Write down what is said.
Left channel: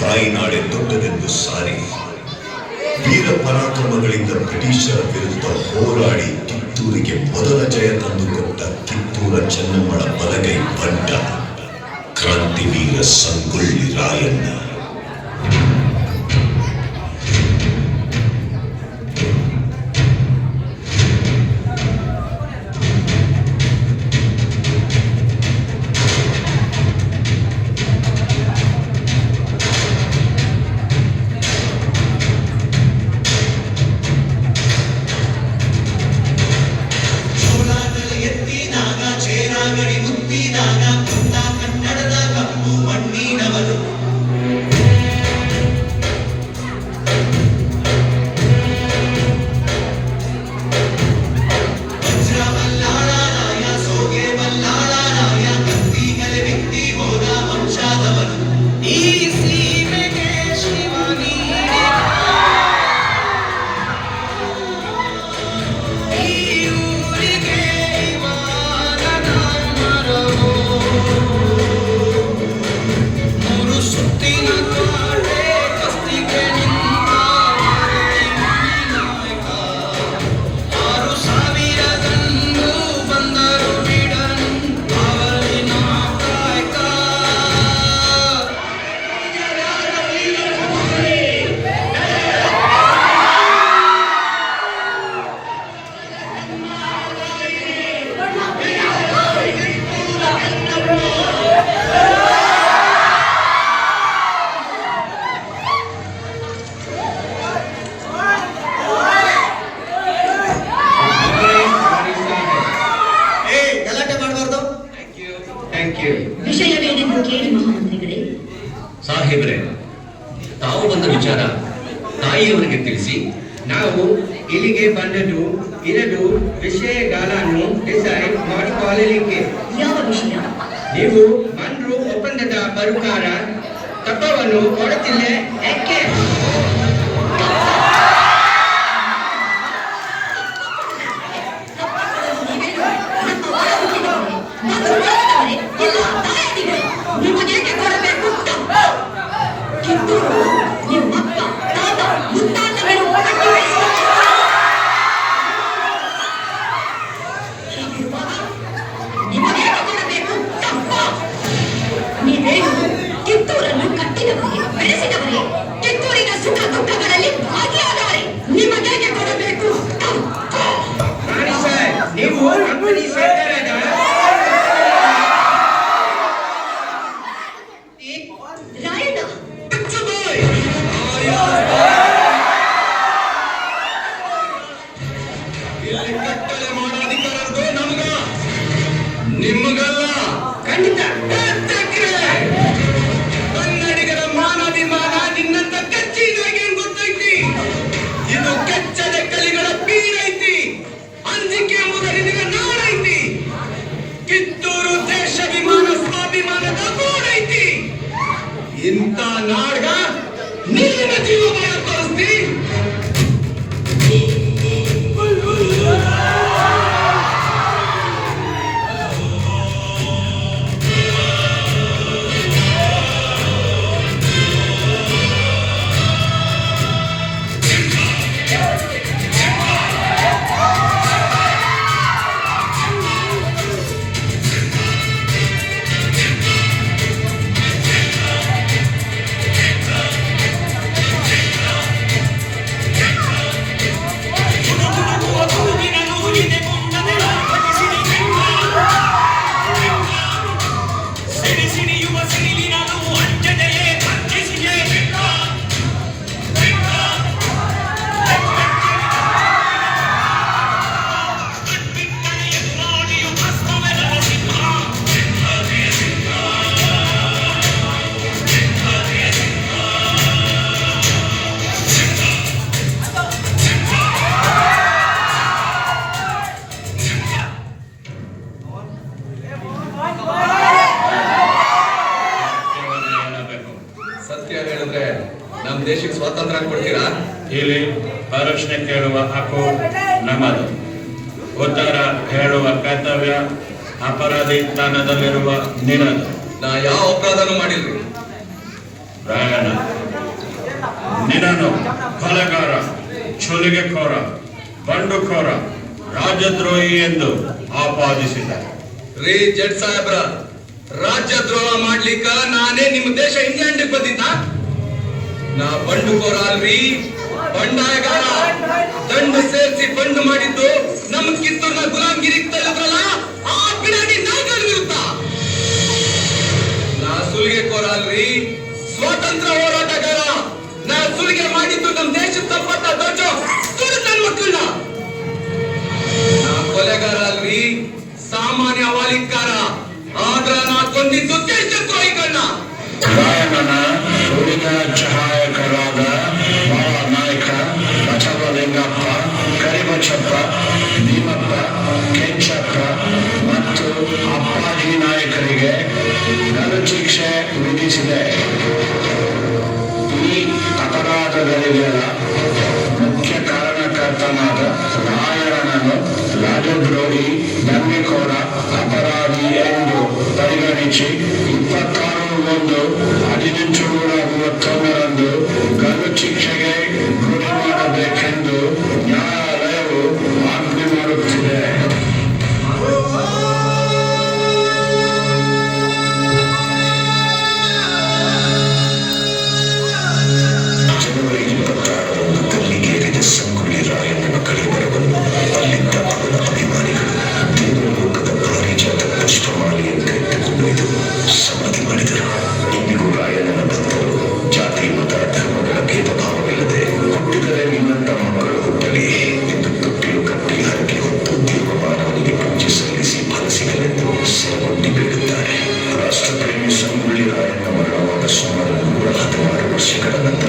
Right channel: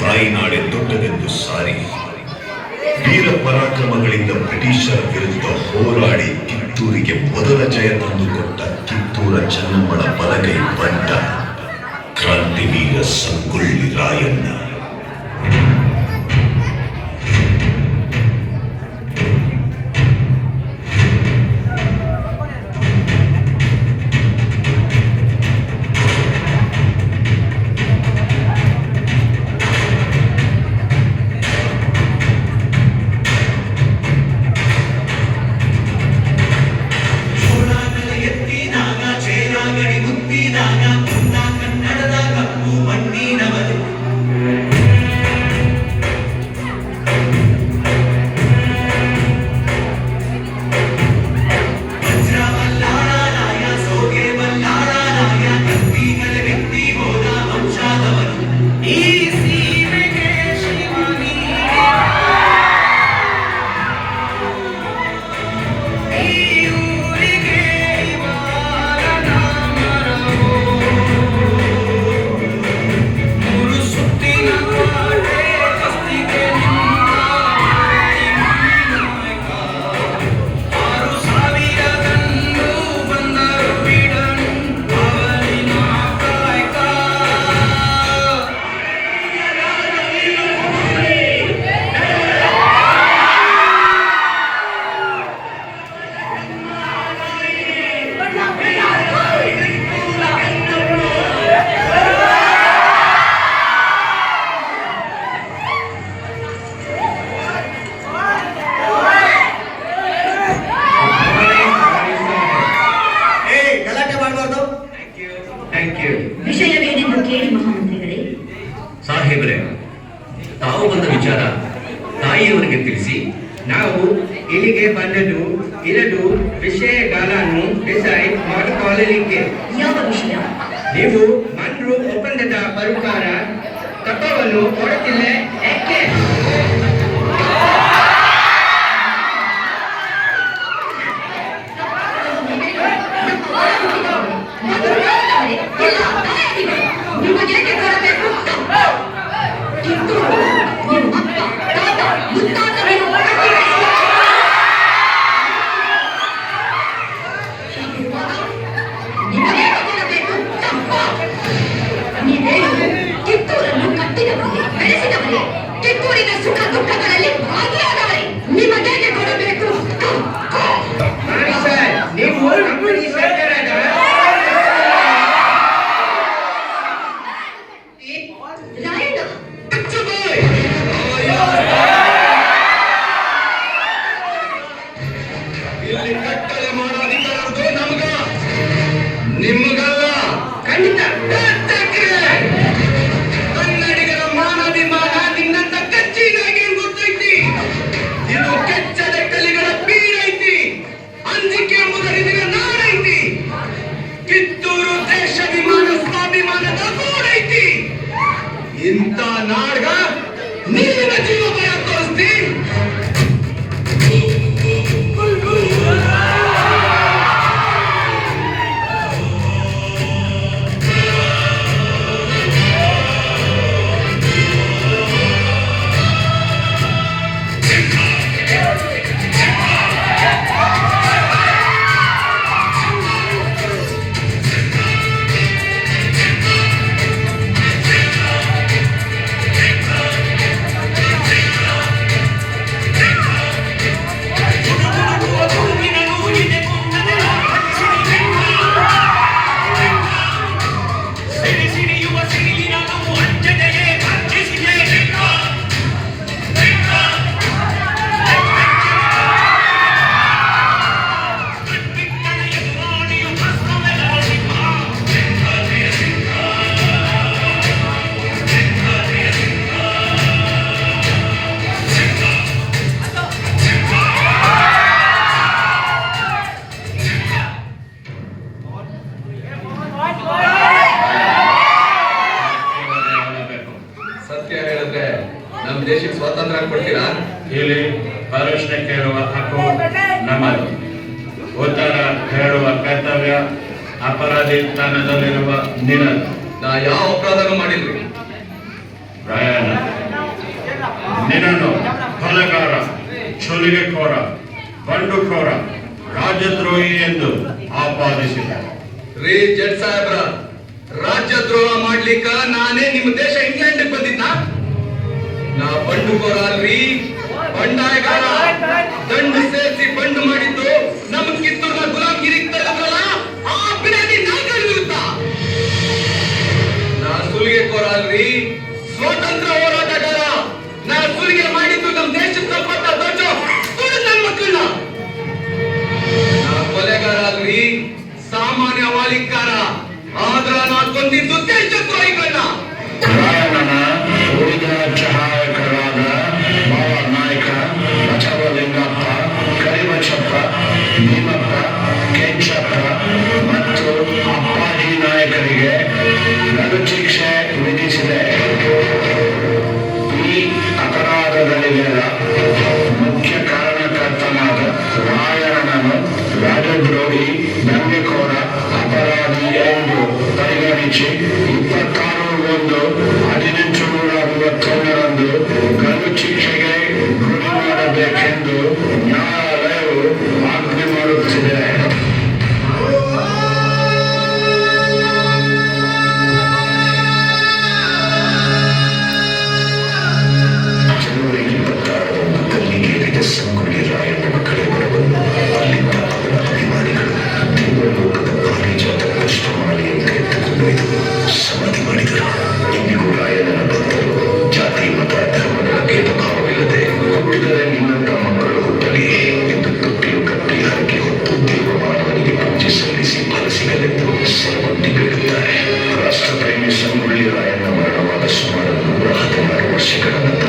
ತಾಯಿನಾಡೆ ದೊಡ್ಡದೆಂದು ಸಾರಿ ವೀರ ಪರಾಕ್ರಮಗಳಿಂದ ಬ್ರಿಟಿಷರ ವಿರುದ್ಧ ಹೋರಾಡಿ ಕಿತ್ತೂರಿಗೆ ಮೊದಲ ಜಯ ತಂದುಕೊಟ್ಟ ಕಿತ್ತೂರ ಚೆನ್ನಮ್ಮಳ ಬಲಗೈ ಬಂಟ ಕ್ರಾಂತಿವೀರ ಸಂಗೊಳ್ಳಿ ರಾಯಣ್ಣ. ವಿಷಯವೇನೆಂದು ಕೇಳಿ ಮಹಾಮಂತ್ರಿಗಳೇ. ಸಾಹೇಬ್ರೆ, ತಾವು ಬಂದ ವಿಚಾರ ತಾಯಿಯವರಿಗೆ ತಿಳಿಸಿ ನಾವು ಇಲ್ಲಿಗೆ ಬಂದದ್ದು ಇರದು ವಿಷಯಗಳನ್ನು ಡಿಸೈಡ್ ಮಾಡಿಕೊಳ್ಳಲಿಕ್ಕೆ. ಯಾವ ವಿಷಯ? ನೀವು ಮನ್ರು ಒಪ್ಪಂದದ ಪ್ರಕಾರ ತತ್ವವನ್ನು ಕೊಡುತ್ತಿಲ್ಲ ಯಾಕೆ? ಕಿತ್ತೂರನ್ನು ಕಟ್ಟಿದವರೇ, ಬೆಳೆಸಿದವರೇ, ಕಿತ್ತೂರಿನ ಸುಖ ದುಃಖಗಳಲ್ಲಿ ಭಾಗಿಯಾದವರೇ, ನಿಮಗೇಕೆ ಕೊಡಬೇಕು? ನೀವು ನಿಮಗಲ್ಲ, ಖಂಡಿತ ಕನ್ನಡಿಗರ ಮಾನವಿಮಾನ ನಿನ್ನಂತ ಕಚ್ಚಿದಾಗಿ ಗೊತ್ತೈತಿ. ಇದು ಕೆಚ್ಚದ ಕಲಿಗಳ ಬೀರೈತಿ, ಅಂಜಿಕೆ ಮುದರಿದ ನಾಡೈತಿ. ಕಿತ್ತೂರು ದೇಶಾಭಿಮಾನ ಸ್ವಾಭಿಮಾನದ ಗೂಡೈತಿ. ಇಂಥ ನಾಡ್ಗ ನೀರಿನ ಜೀವ ಭಯ ತೋರಿಸ್ತಿ. ನಮ್ಮ ದೇಶಕ್ಕೆ ಸ್ವಾತಂತ್ರ್ಯ ಕೊಡ್ತೀರಾ? ಇಲ್ಲಿ ಪ್ರಶ್ನೆ ಕೇಳುವ ಹಕ್ಕು ನಮ್ಮದು, ಉತ್ತರ ಹೇಳುವ ಕರ್ತವ್ಯ ಅಪರಾಧಿ ಸ್ಥಾನದಲ್ಲಿರುವ ನಿನ್ನದು. ನಾ ಯಾವ ಅಪರಾಧನೂ ಮಾಡಿಲ್ರಿ. ರಾಯಣ್ಣ, ನಿನ್ನನ್ನು ಕೊಲೆಗಾರ, ಚುಲಿಗೆಕೋರ, ಬಂಡುಕೋರ, ರಾಜದ್ರೋಹಿ ಎಂದು ಆಪಾದಿಸಿದ್ದಾರೆ. ರೀ ಜಡ್ ಸಾಹೇಬ್ರ, ರಾಜ್ಯದ್ರೋಹ ಮಾಡ್ಲಿಕ್ಕ ನಾನೇ ನಿಮ್ಮ ದೇಶ ಇಂಗ್ಲೆಂಡ್ ಬಂದಿದ್ದ? ನಾ ಬಂಡುಕೋರ ಅಲ್ರಿ, ಬಂಡಾಯಗಾರ. ದಂಡು ಸೇರಿಸಿ ಬಂಡು ಮಾಡಿದ್ದು ನಮ್ ಕಿತ್ತೂರ್ನ ಗುಲಾಮ್ಗಿರಿಗೆ ತರದ್ರಲ್ಲ, ಆ ಬಿಡಾಡಿ ನಾಯಿಗಳ ವಿರುದ್ಧ. ನಾ ಸುಲಿಗೆಕೋರ ಅಲ್ರಿ, ಸ್ವಾತಂತ್ರ್ಯ ಹೋರಾಟಗಾರ. ನಾ ಸುಲಿಗೆ ಮಾಡಿದ್ದು ನಮ್ ದೇಶದ ಸಂಪತ್ತ ದೊಡ್ಡ ತುಡು ನನ್ನ ಮಕ್ಕಳನ್ನ. ನಾ ಕೊಲೆಗಾರ ಅಲ್ರಿ, ಸಾಮಾನ್ಯ ಮಾಲೀಕಾರ. ಆದ್ರ ನಾ ಕೊಂದಿದ್ದು ದೇಶದ್ರೋಹಿಗಳನ್ನ. ರಾಯಣ್ಣನ ಉಳಿದ ಸಹಾಯಕರಾದ ನಾಯಕ ಬಸವಲಿಂಗಪ್ಪ, ಕರಿಬಸಪ್ಪ, ಭೀಮಪ್ಪ, ಕೆಂಚಪ್ಪ ಮತ್ತು ಅಪ್ಪಾಜಿ ನಾಯಕರಿಗೆ ಗಲ್ಲು ಶಿಕ್ಷೆ ವಿಧಿಸಿದೆ. ಈ ಅಪರಾಧಗಳಿಗೆಲ್ಲ ಮುಖ್ಯ ಕಾರಣಕರ್ತನಾದ ರಾಯಣ್ಣನನ್ನು ರಾಜದ್ರೋಹಿ, ದಂಗೆಕೋರ, ಅಪರಾಧಿ ಎಂದು ಪರಿಗಣಿಸಿ 26/1/1932 ಗಲ್ಲು ಶಿಕ್ಷೆಗೆ ಗುರಿ ಮಾಡಬೇಕೆಂದು ನ್ಯಾಯಾಲಯವು ಆಜ್ಞೆ ಮಾಡುತ್ತಿದೆ. ಜನವರಿ 26ರಂದು ಗಲ್ಲಿಗೇರಿದ ಸಂಗೊಳ್ಳಿ ರಾಯಣ್ಣನ ಕಳೆಬರವನ್ನು ಅಲ್ಲಿದ್ದ ಅವರ ಅಭಿಮಾನಿಗಳು ದೇವಲೋಕದ ಪಾರಿಜಾತ ಪುಷ್ಪಮಾಲೆಯನ್ನು ಎತ್ತುಕೊಂಡೊಯ್ದು ಸಮಾಧಿ ಮಾಡಿದರು. ಇಂದಿಗೂ ರಾಯಣ್ಣನ ಭಕ್ತರು ಜಾತಿ, ಮತ, ಧರ್ಮಗಳ ಭೇದ ಭಾವವಿಲ್ಲದೆ ಹುಟ್ಟಿದರೆ ಇನ್ನೊಬ್ಬ ಮಕ್ಕಳು ಹುಟ್ಟಲಿ ಎಂದು ತೊಟ್ಟಿಲು ಕಟ್ಟಿ ಹರಕೆ ಹೊತ್ತು ದೇವಮಾನವನಿಗೆ ಪೂಜೆ ಸಲ್ಲಿಸಿ ಫಲ ಸಿಗಲೆಂದು ಸೇವಂತಿ ಬೇಡುತ್ತಾರೆ. ರಾಷ್ಟ್ರಪ್ರೇಮಿ ಸಂಗೊಳ್ಳಿ ರಾಯಣ್ಣ ಮರಣವಾದ ಸುಮಾರು 116 ವರ್ಷಗಳ ನಂತರ